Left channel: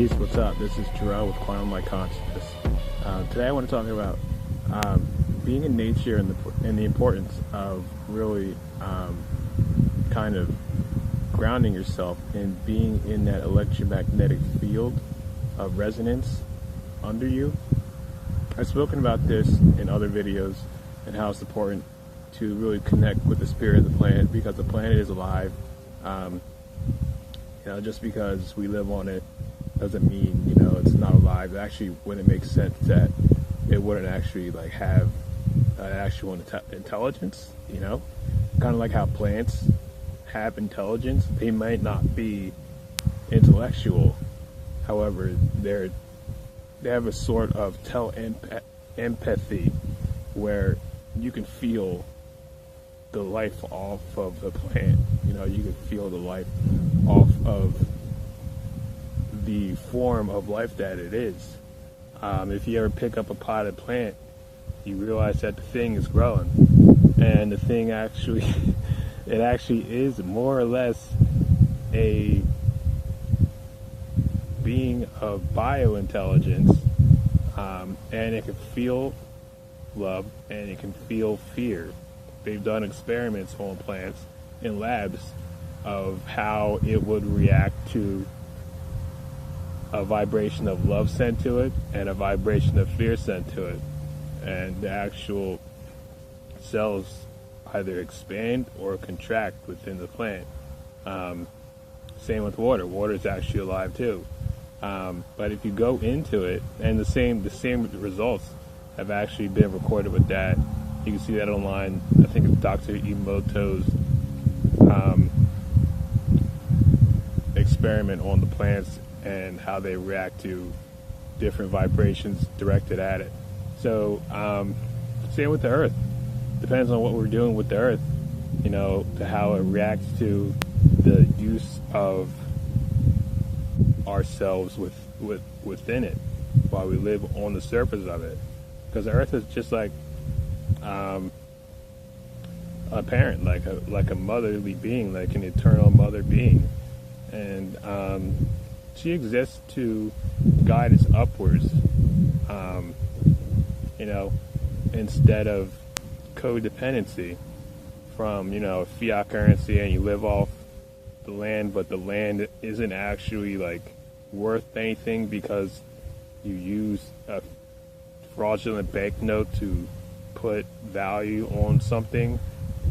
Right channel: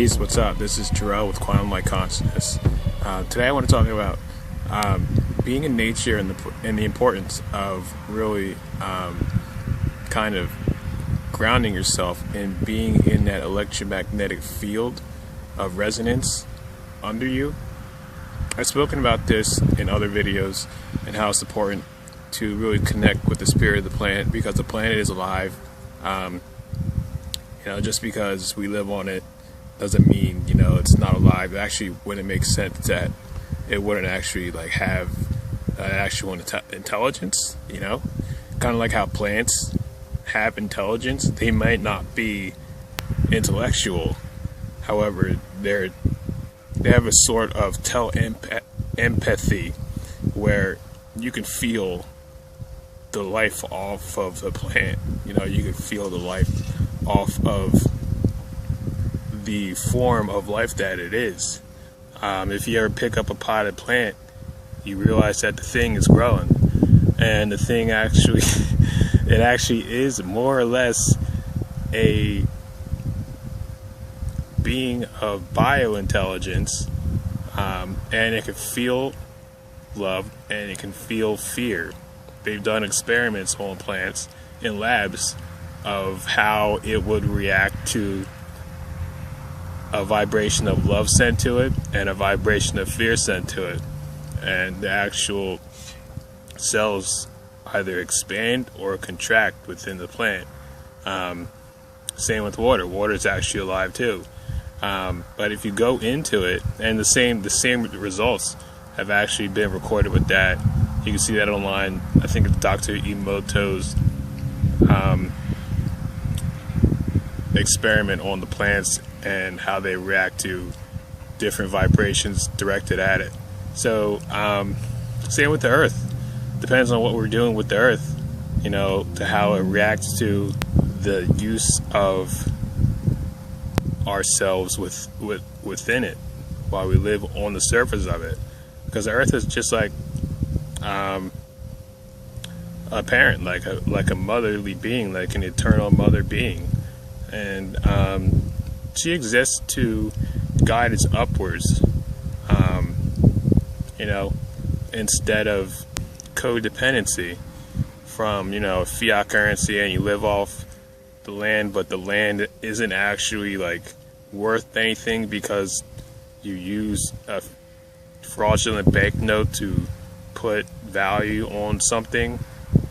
Peace, what's up? This is Terrell with Quantum Light Consciousness. Today I want to talk about being in nature and the importance of really kind of grounding yourself and being in that electromagnetic field of resonance under you. I've spoken about this in other videos and how it's important to really connect with the spirit of the planet, because the planet is alive. Just because we live on it doesn't mean, it's not alive. It actually wouldn't make sense that it wouldn't actually have actual intelligence, kind of like how plants have intelligence. They might not be intellectual, however, they have a sort of empathy where you can feel the life off of the plant. You can feel the life off of the form of life that it is. If you ever pick up a potted plant, you realize that the thing is growing, and the thing actually it actually is more or less a being of biointelligence, and it can feel love and it can feel fear. They've done experiments on plants in labs of how it would react to a vibration of love sent to it and a vibration of fear sent to it, and the actual cells either expand or contract within the plant. Same with water. Water is actually alive too, but if you go into it, and the same results have actually been recorded with that. You can see that online. I think it's Dr. Emoto's experiment on the plants and how they react to different vibrations directed at it. So same with the earth. Depends on what we're doing with the earth, to how it reacts to the use of ourselves within it while we live on the surface of it. Because the earth is just like a parent, like a motherly being, like an eternal mother being, and she exists to guide us upwards, instead of codependency from fiat currency, and you live off the land, but the land isn't actually worth anything because you use a fraudulent banknote to put value on something,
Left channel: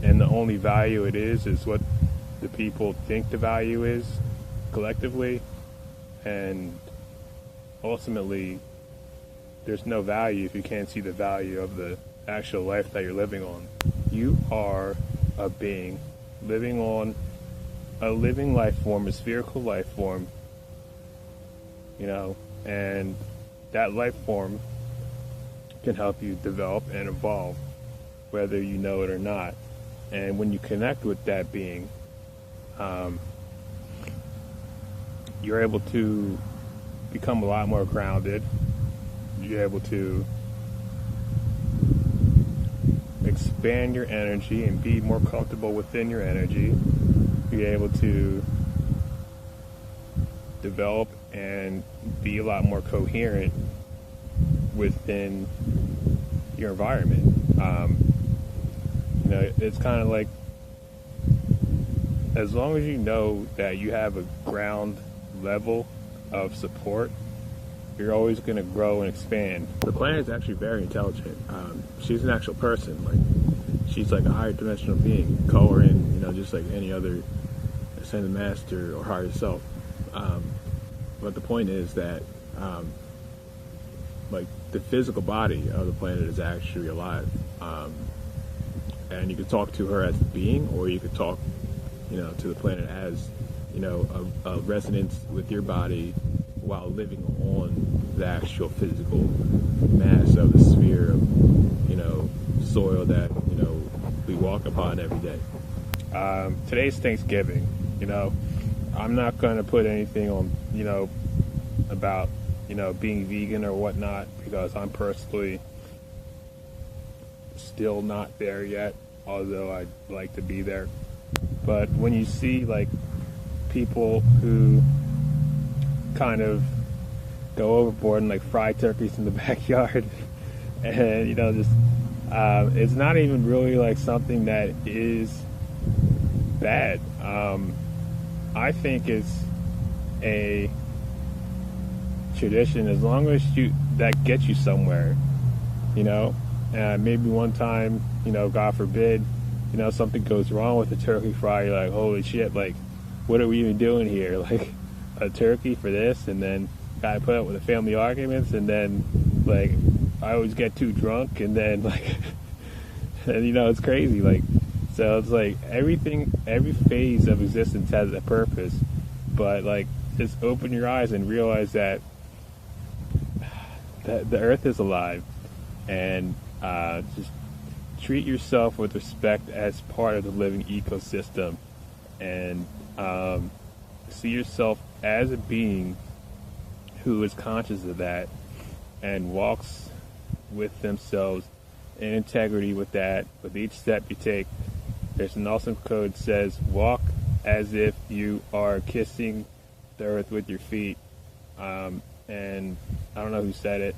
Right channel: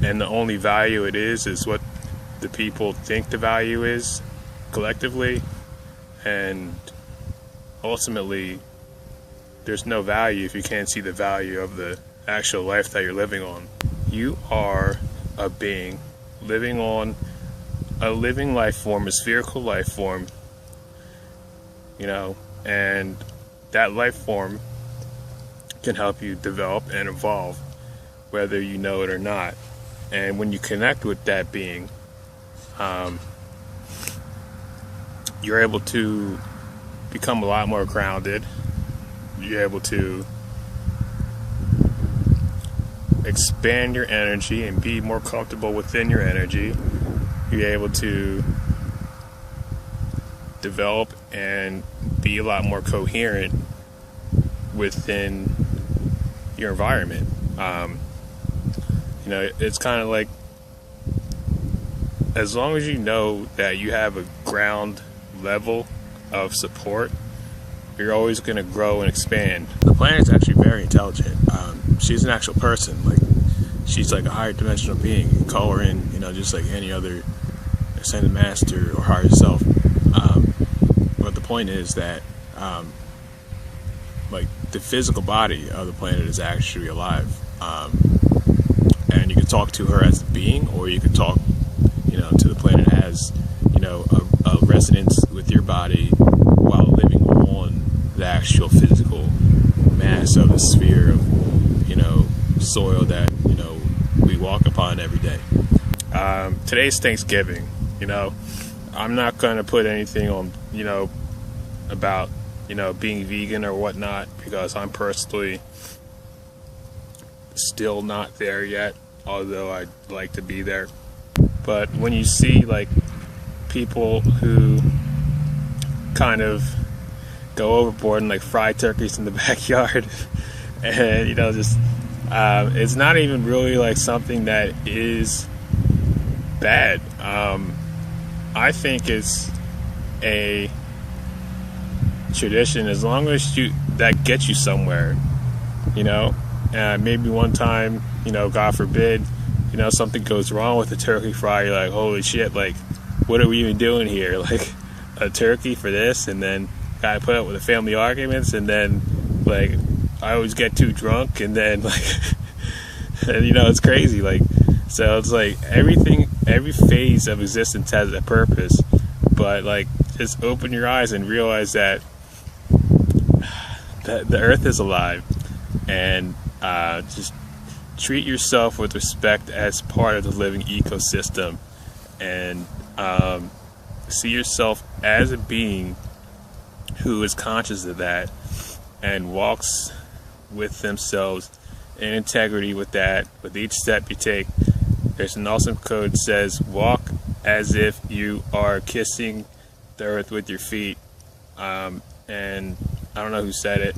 and the only value it is what the people think the value is collectively, and ultimately there's no value if you can't see the value of the actual life that you're living on. You are a being living on a living life form, a spherical life form, and that life form can help you develop and evolve, whether you know it or not. And when you connect with that being, you're able to become a lot more grounded. You're able to expand your energy and be more comfortable within your energy. You're able to develop and be a lot more coherent within your environment. It's kind of like, as long as you know that you have a ground level of support, you're always going to grow and expand. The planet is actually very intelligent. She's an actual person. She's like a higher dimensional being. You can call her in, just like any other ascended master or higher self. But the point is that the physical body of the planet is actually alive, and you can talk to her as a being, or you could talk to the planet as a resonance with your body while living on the actual physical mass of the sphere of soil that we walk upon every day. Today's Thanksgiving. I'm not going to put anything on about being vegan or whatnot, because I'm personally still not there yet, although I'd like to be there. But when you see people who kind of go overboard and like fry turkeys in the backyard. And you know, just it's not even really like something that is bad. I think it's a tradition as long as that gets you somewhere, you know. Maybe one time, you know, God forbid, you know, something goes wrong with the turkey fry, you're like, holy shit, like what are we even doing here? Like a turkey for this, and then gotta put up with the family arguments, and then like I always get too drunk, and then like and you know, it's crazy. Like, so it's like every phase of existence has a purpose, but like just open your eyes and realize that the earth is alive, and just treat yourself with respect as part of the living ecosystem, and see yourself as a being who is conscious of that and walks with themselves in integrity with that. With each step you take, there's an awesome code that says walk as if you are kissing the earth with your feet. And I don't know who said it,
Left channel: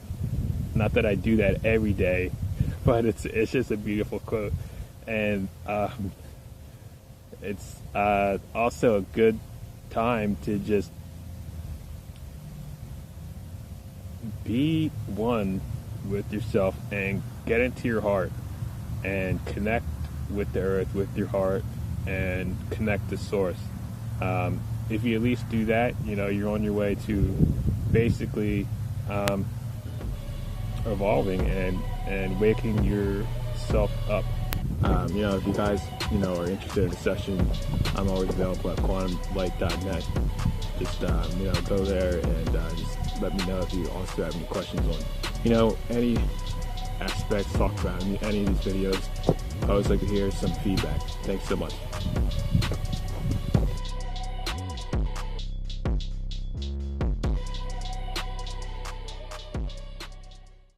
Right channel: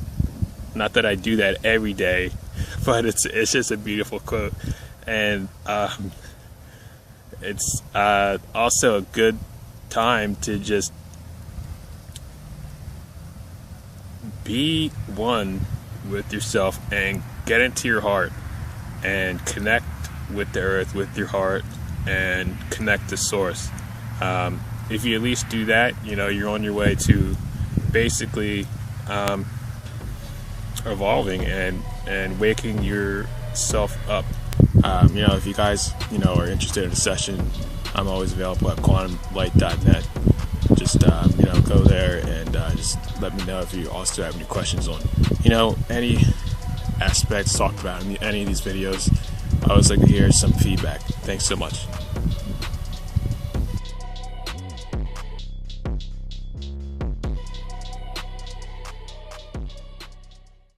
not that I do that every day, but it's just a beautiful quote. And it's also a good time to just be one with yourself and get into your heart and connect with the earth with your heart and connect to source. If you at least do that, you know, you're on your way to basically evolving and waking yourself up. You know, if you guys, you know, are interested in a session, I'm always available at quantumlight.net. Just you know, go there and just let me know if you also have any questions on, you know, any aspects talked about in any of these videos. I always like to hear some feedback. Thanks so much.